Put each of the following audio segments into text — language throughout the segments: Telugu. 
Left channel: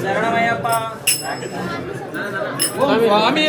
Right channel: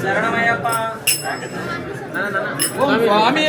శరణమయ్యప్ప స్వామి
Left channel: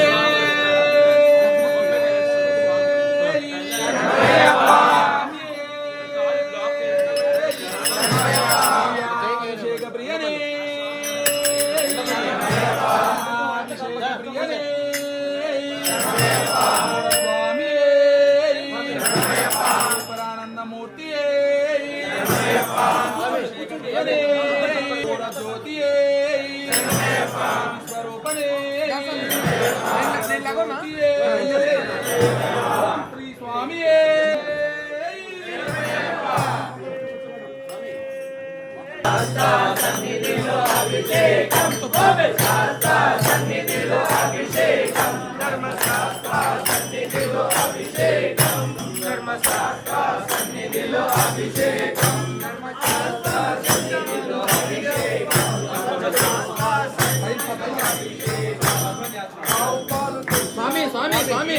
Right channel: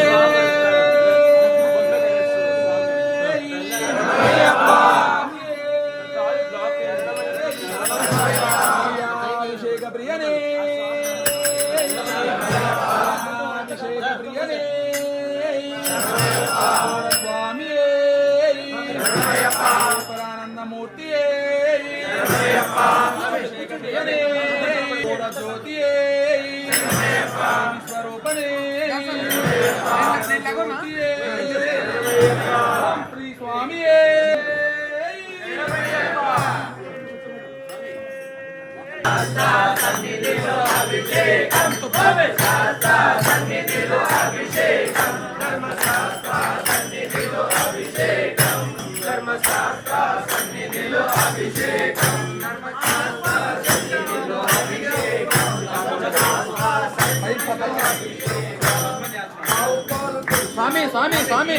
స్వామి స్వామి స్వామి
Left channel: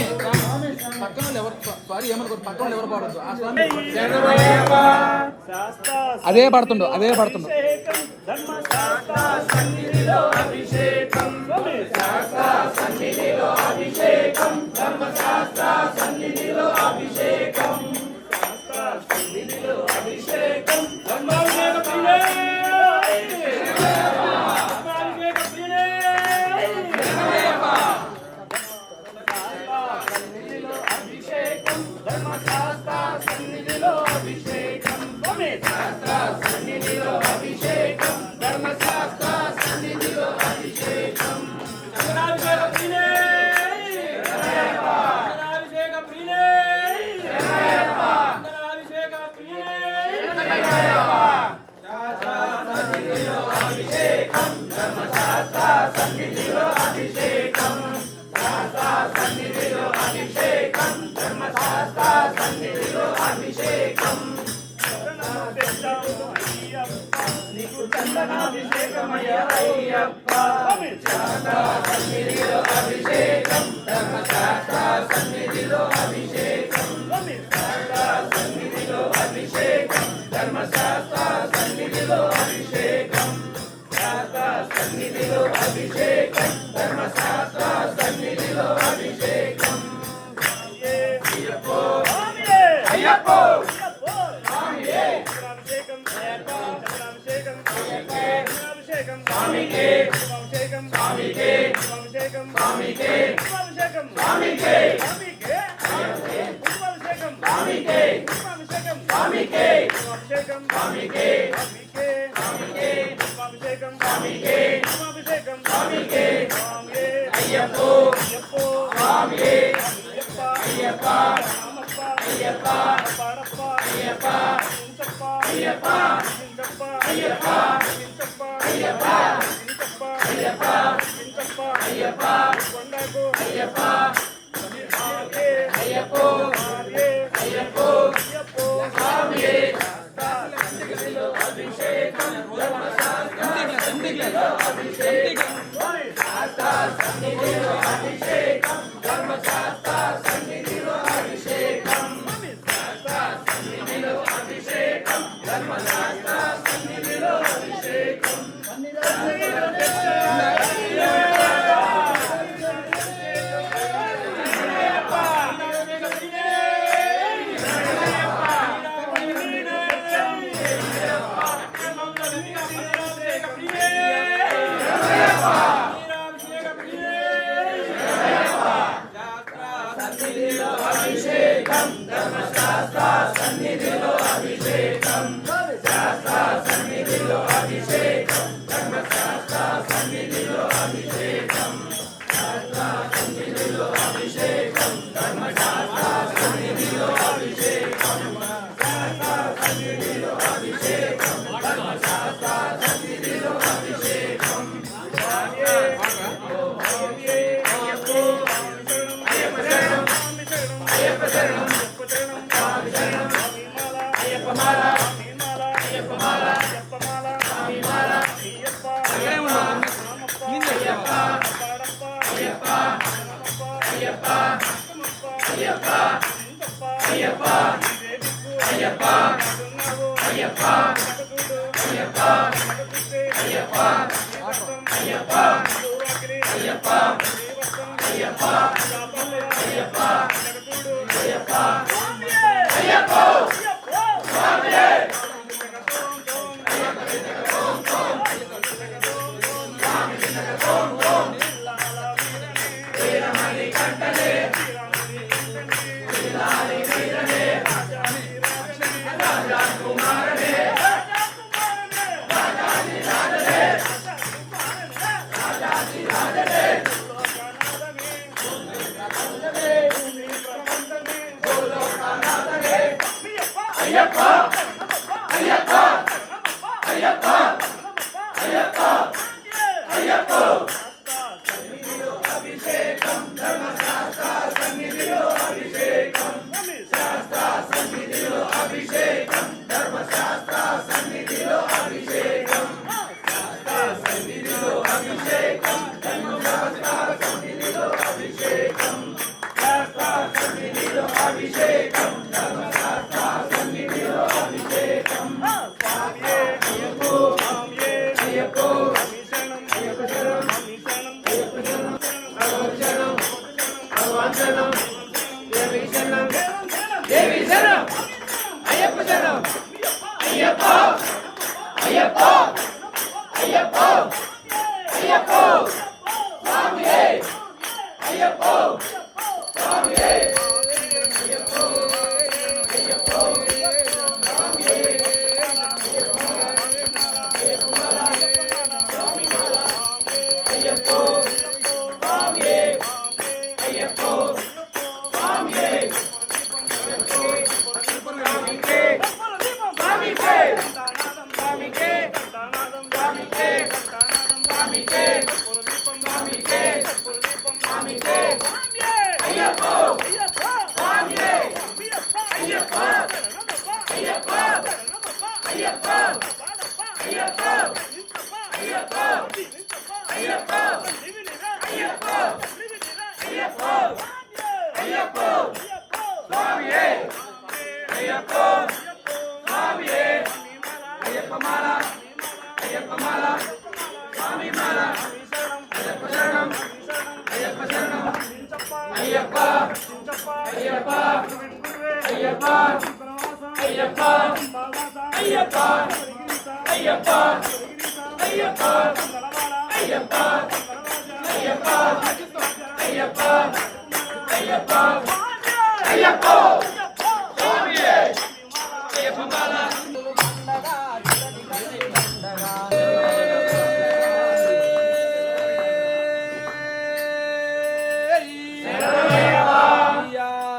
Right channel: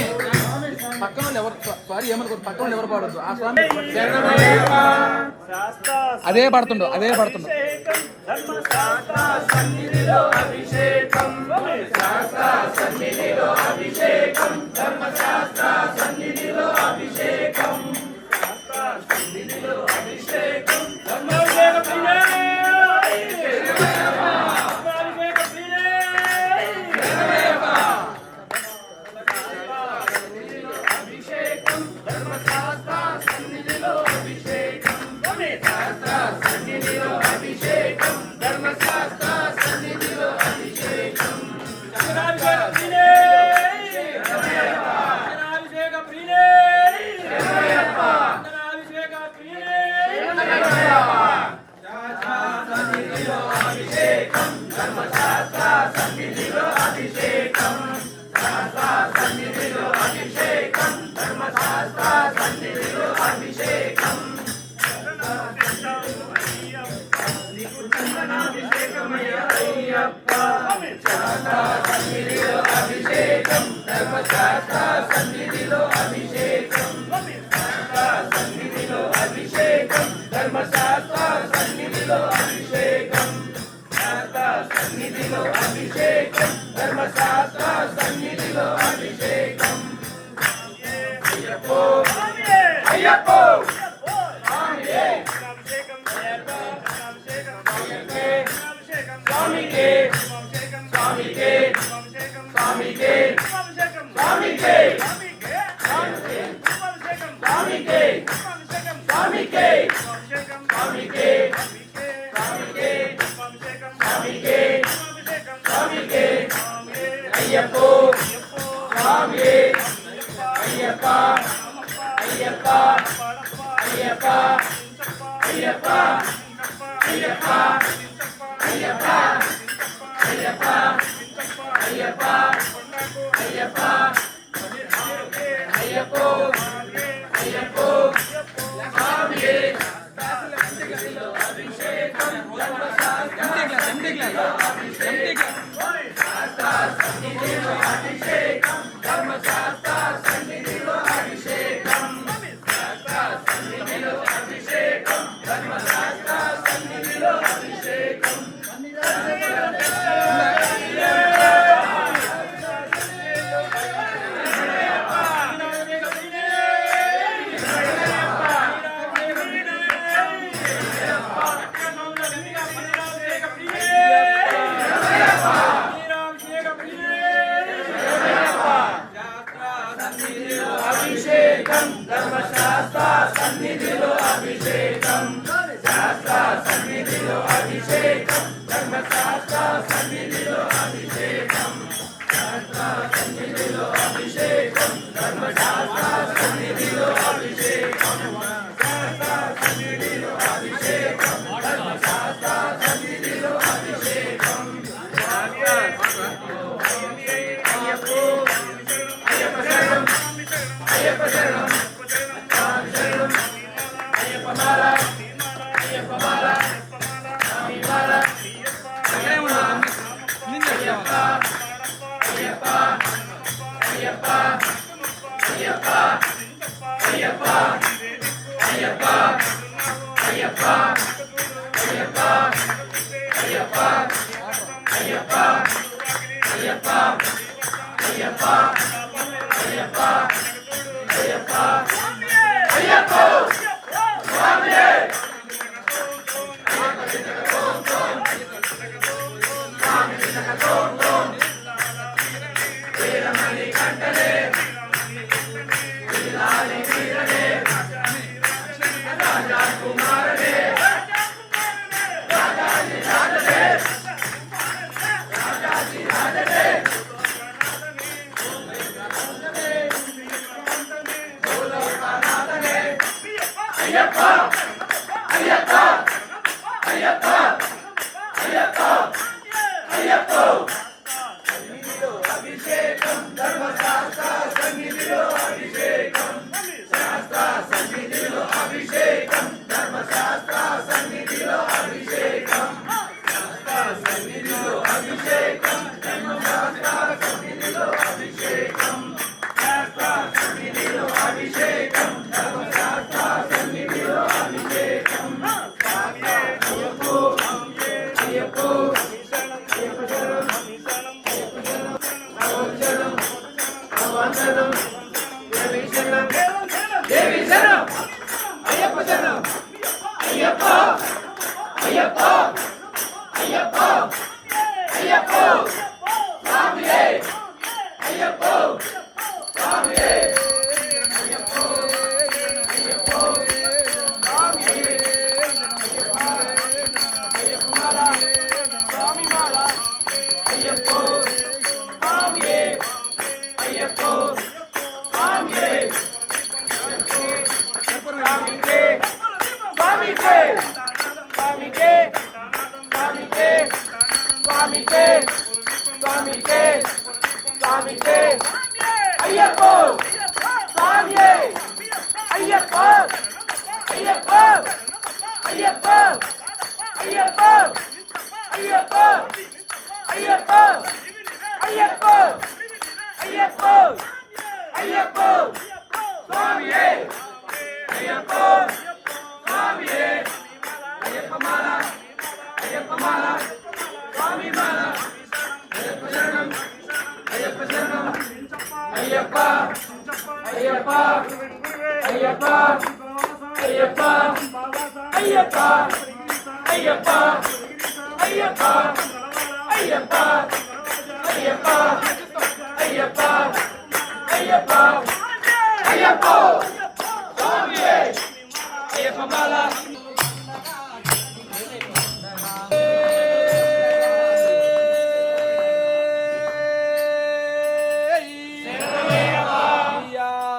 పక్కన ఎవరు సారీ ఏమనుకోరు పక్కన ఎవరు పాడద్దు ఆ స్వామి అదే పడుతుండు అదే పడుతుండు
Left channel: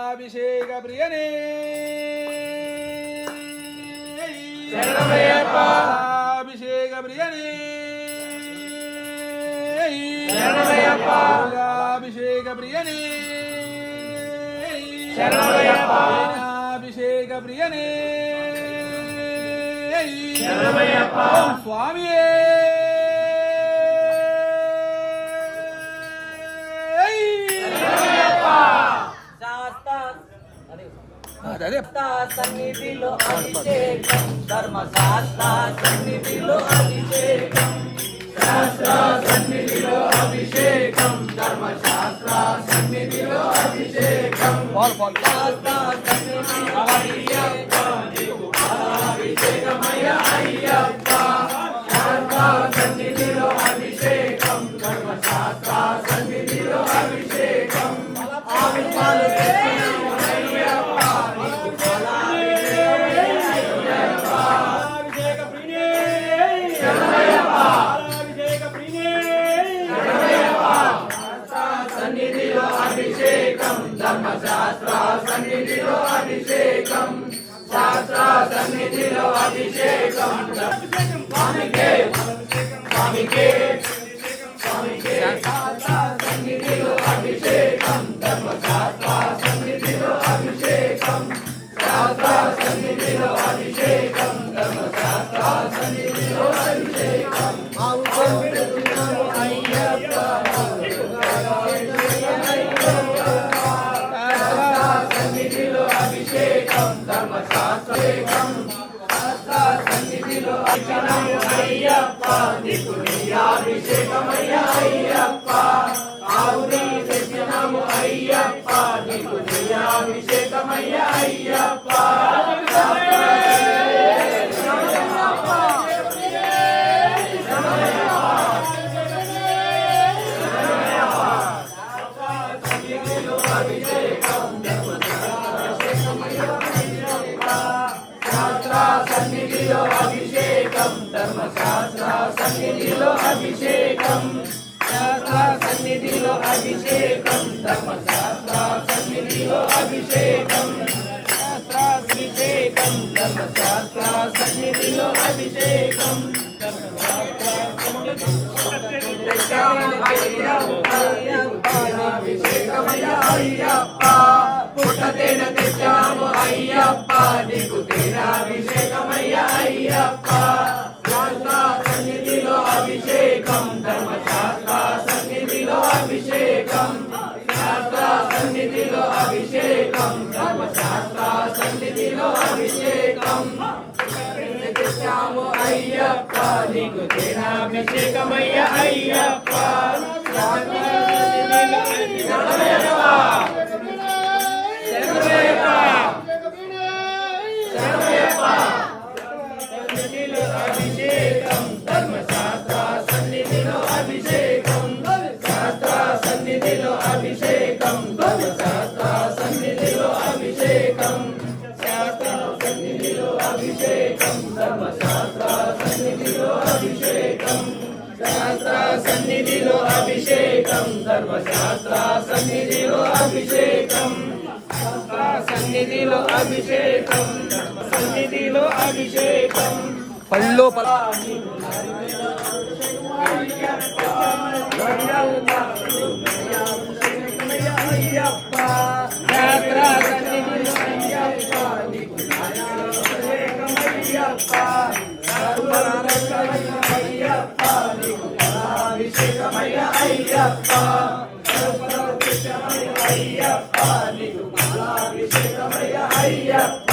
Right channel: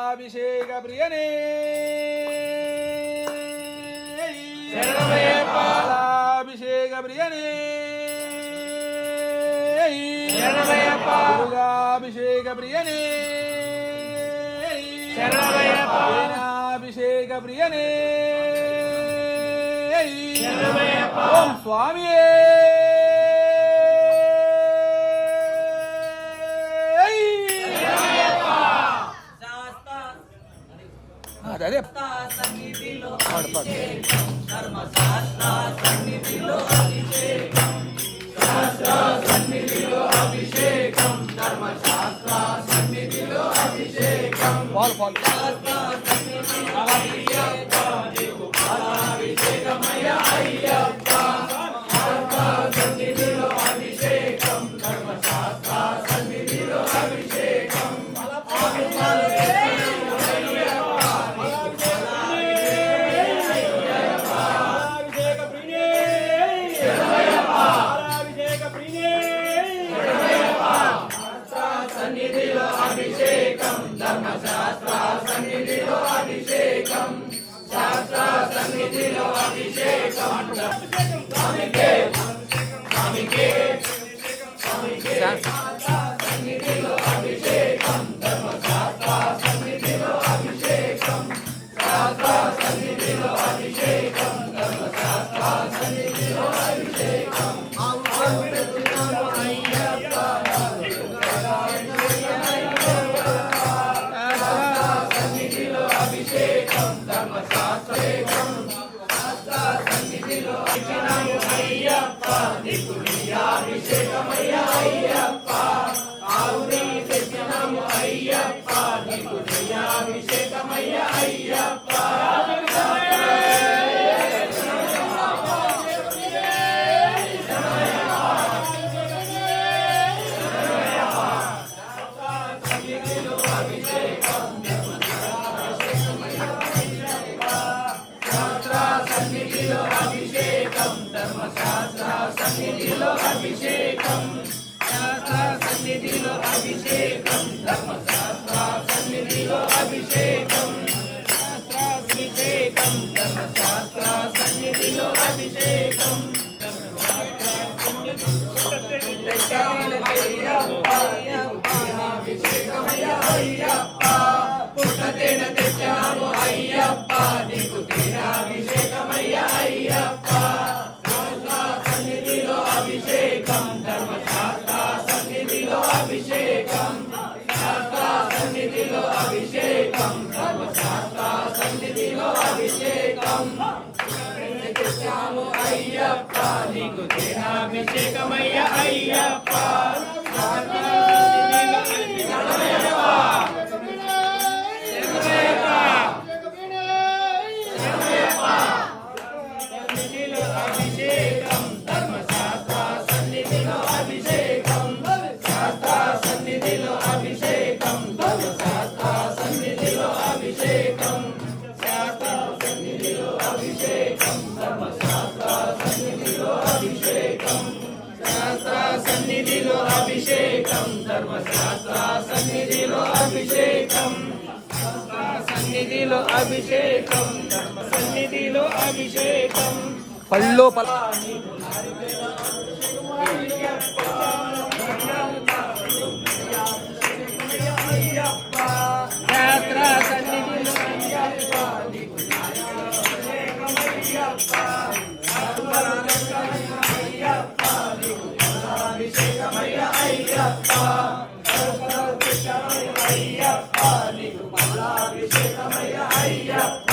అభిషేక ప్రియనే అభిషేక ప్రియనే అభిషేక ప్రియనే అభిషేక ప్రియనే ఓం స్వామియే అదే సన్నిధిలో అభిషేకం ధర్మశాస్త్ర సన్నిధిలో అభిషేకం శాస్త్ర సన్నిధిలో అభిషేకం ధర్మశాస్త్ర సన్నిధిలో అభిషేకం శాస్త్ర సన్నిధిలో అభిషేకమయ అయ్యప్ప శాస్త్ర సన్నిధిలో అభిషేకం ధర్మశాస్త్ర సన్నిధిలో అభిషేకం ధర్మశాస్త్ర సన్నిధిలో అభిషేకం శాస్త్ర సన్నిధిలో అభిషేకం స్వామికే స్వామికే స్వామికే సన్నిధిలో అభిషేకం ధర్మశాస్త్ర సన్నిధిలో అభిషేకం శాస్త్ర సన్నిధిలో అభిషేకం ధర్మశాస్త్ర సన్నిధిలో అభిషేకం అయ్యప్ప అభిషేకం ధర్మశాస్త్రం శాస్త్ర సన్నిధిలో అభిషేకం అయ్యప్ప నీకు నెయ్యాభిషేకమయ్య అయ్యప్ప ఆవు నెయ్యి తెచ్చినాము అయ్యప్ప నీకు నెయ్యాభిషేకమయ్య అయ్యప్ప సన్నిధిలో అభిషేకం ధర్మశాస్త్ర సన్నిధిలో అభిషేకం శాస్త్ర సన్నిధిలో అభిషేకం ధర్మశాస్త్ర సన్నిధిలో అభిషేకం శాస్త్ర అభిషేకం ధర్మశాస్త్ర సన్నిధిలో అభిషేకం అయ్యప్ప పుట్టతేన తెచ్చాము అయ్యప్ప నీకు తేనాభిషేకమయ్య అయ్యప్ప సన్నిధిలో అభిషేకం ధర్మశాస్త్ర సన్నిధిలో అభిషేకం శాస్త్ర సన్నిధిలో అభిషేకం ధర్మశాస్త్ర సన్నిధిలో అభిషేకం తెచ్చాము అయ్యప్ప నీకు తేనాభిషేకమయ్య అయ్యప్ప అభిషేకం ధర్మశాస్త్ర సన్నిధిలో అభిషేకం శాస్త్ర సన్నిధిలో అభిషేకం ధర్మశాస్త్ర సన్నిధిలో అభిషేకం శాస్త్ర సన్నిధిలో అభిషేకం ధర్మశాస్త్ర సన్నిధిలో అభిషేకం శాస్త్ర సన్నిధిలో అభిషేకం ధర్మశాస్త్ర సన్నిధిలో అభిషేకం సన్నిధిలో అభిషేకం ధర్మ సన్నిధిలో అభిషేకం పళ్ళో పల అయ్యప్ప శాస్త్ర సన్నిధిలో అయ్యప్ప అయ్యప్ప అభిషేకమయ్య అయ్యప్ప అయ్యప్ప నీకు అభిషేకమయ్య అయ్యప్ప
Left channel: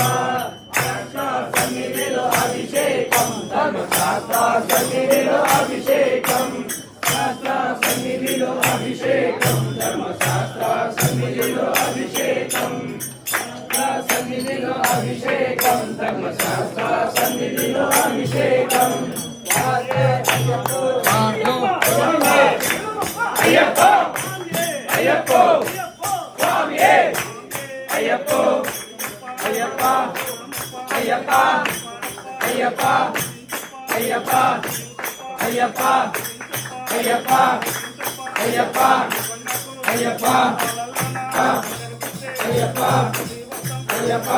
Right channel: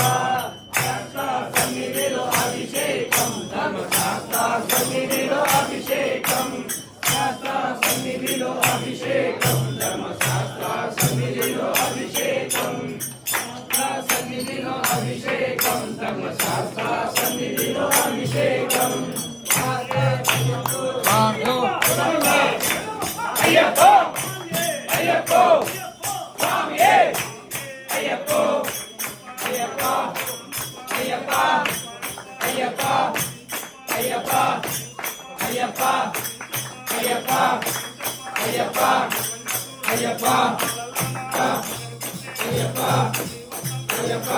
సన్నిధిలో అభిషేకం ధర్మశాస్త్ర సన్నిధిలో అభిషేకం శాస్త్ర సన్నిధిలో అభిషేకం ధర్మశాస్త్ర సన్నిధిలో అభిషేకం సన్నిధిలో అభిషేకం ధర్మశాస్త్ర సన్నిధిలో అభిషేకం అయ్యప్ప అయ్యప్ప స్వామియే అయ్యప్ప అయ్యప్ప అయ్యప్ప అయ్యప్ప అయ్యప్ప అయ్యప్ప అయ్యప్ప అయ్యప్ప అయ్యప్ప అయ్యప్ప అయ్యప్ప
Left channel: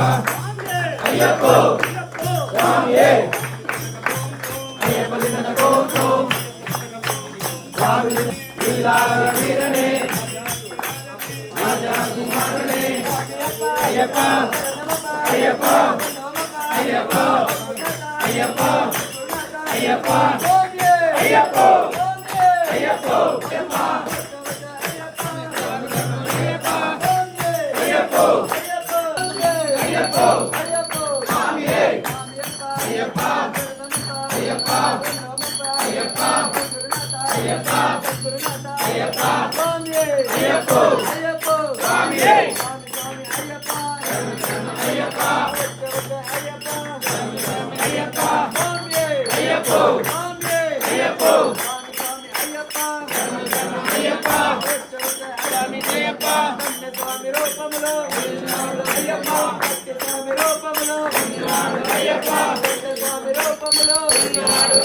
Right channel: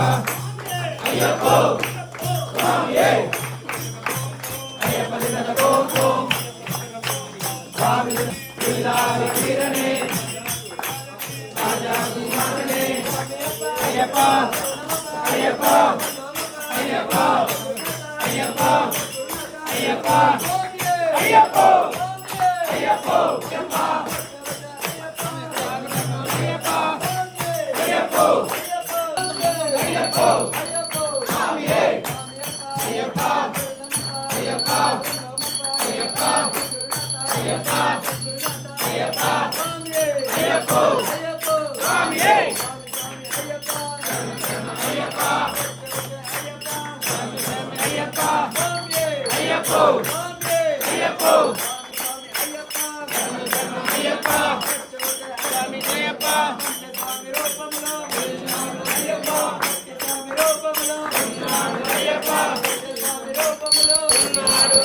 అయ్యప్ప స్వామియే అయ్యప్ప దిన కోసో స్వామి దిలాల వీరనే రాజా కుమారనే అయ్యప్ప అయ్యప్ప అయ్యప్ప అయ్యప్ప అయ్యప్ప అయ్యప్ప అయ్యప్ప అయ్యప్ప అయ్యప్ప స్వామియే అయ్యప్ప అయ్యప్ప అయ్యప్ప అయ్యప్ప అయ్యప్ప అయ్యప్ప స్వామియే అయ్యప్ప అయ్యప్ప అయ్యప్ప అయ్యప్ప అయ్యప్ప స్వామి జయప్ప స్వామి రూపములో అయ్యప్ప స్వామి రూపములో అయ్యప్ప స్వామి రూపములో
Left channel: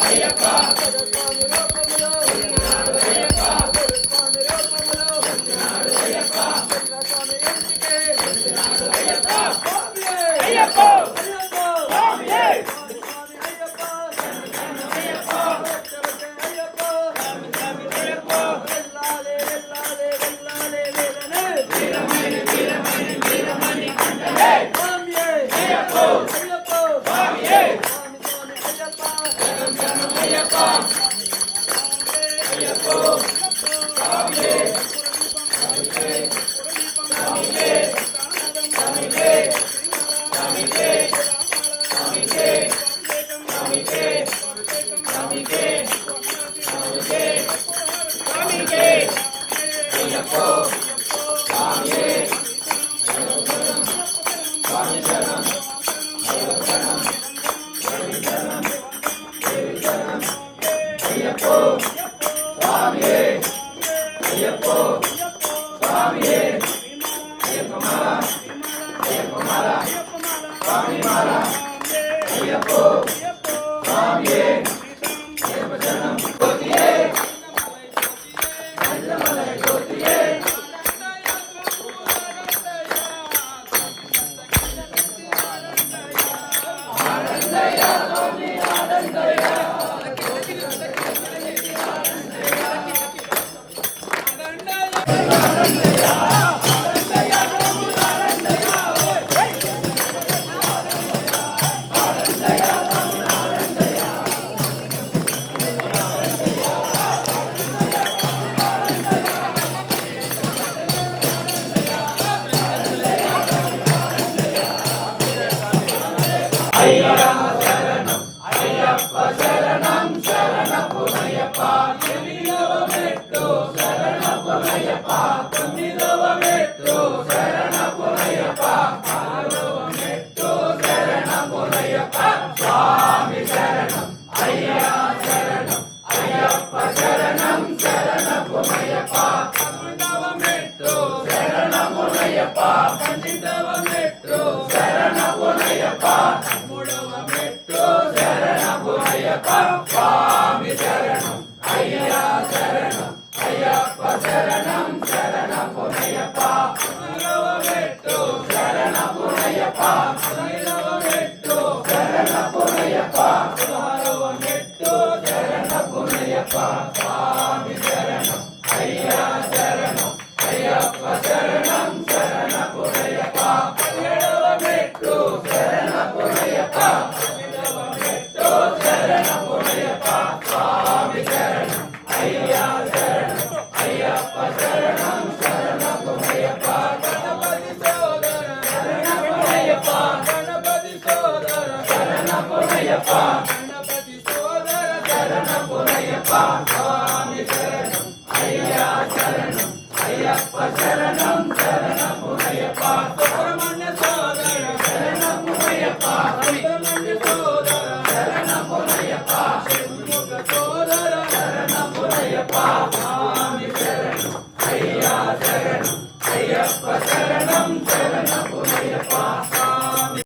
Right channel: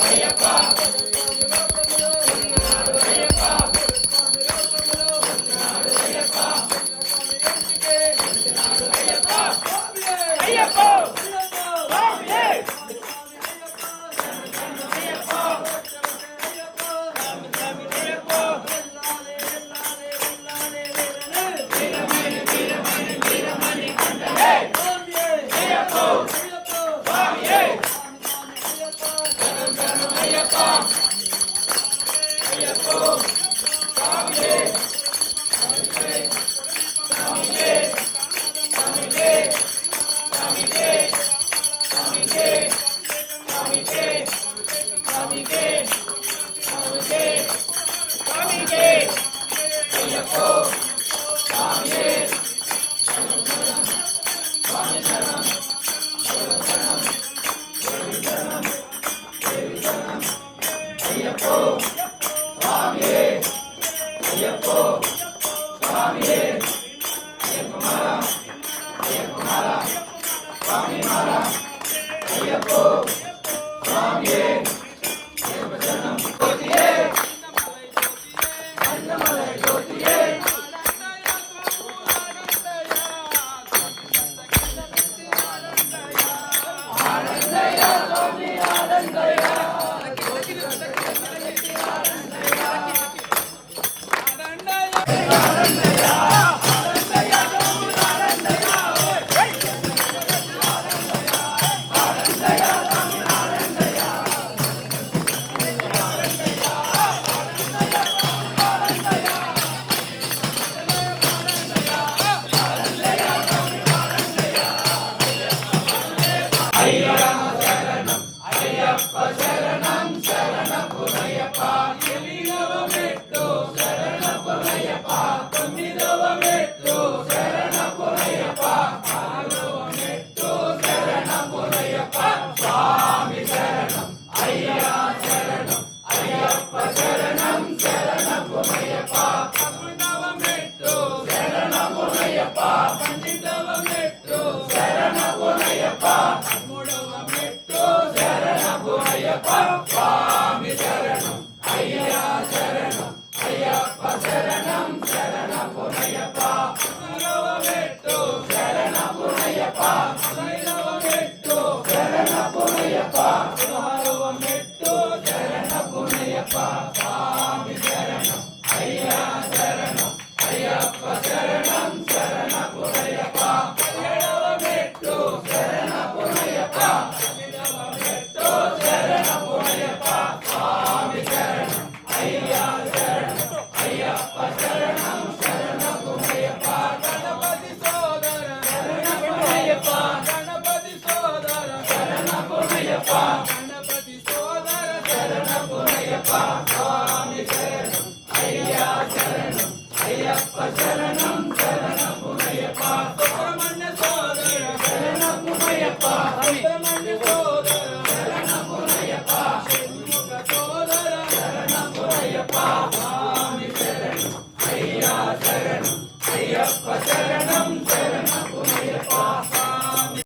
అయ్యప్ప స్వామి రూపములో అయ్యప్ప స్వామి రూపములో అయ్యప్ప స్వామి ఎంటికే అయ్యప్ప అయ్యప్ప స్వామియే అయ్యప్ప శరణం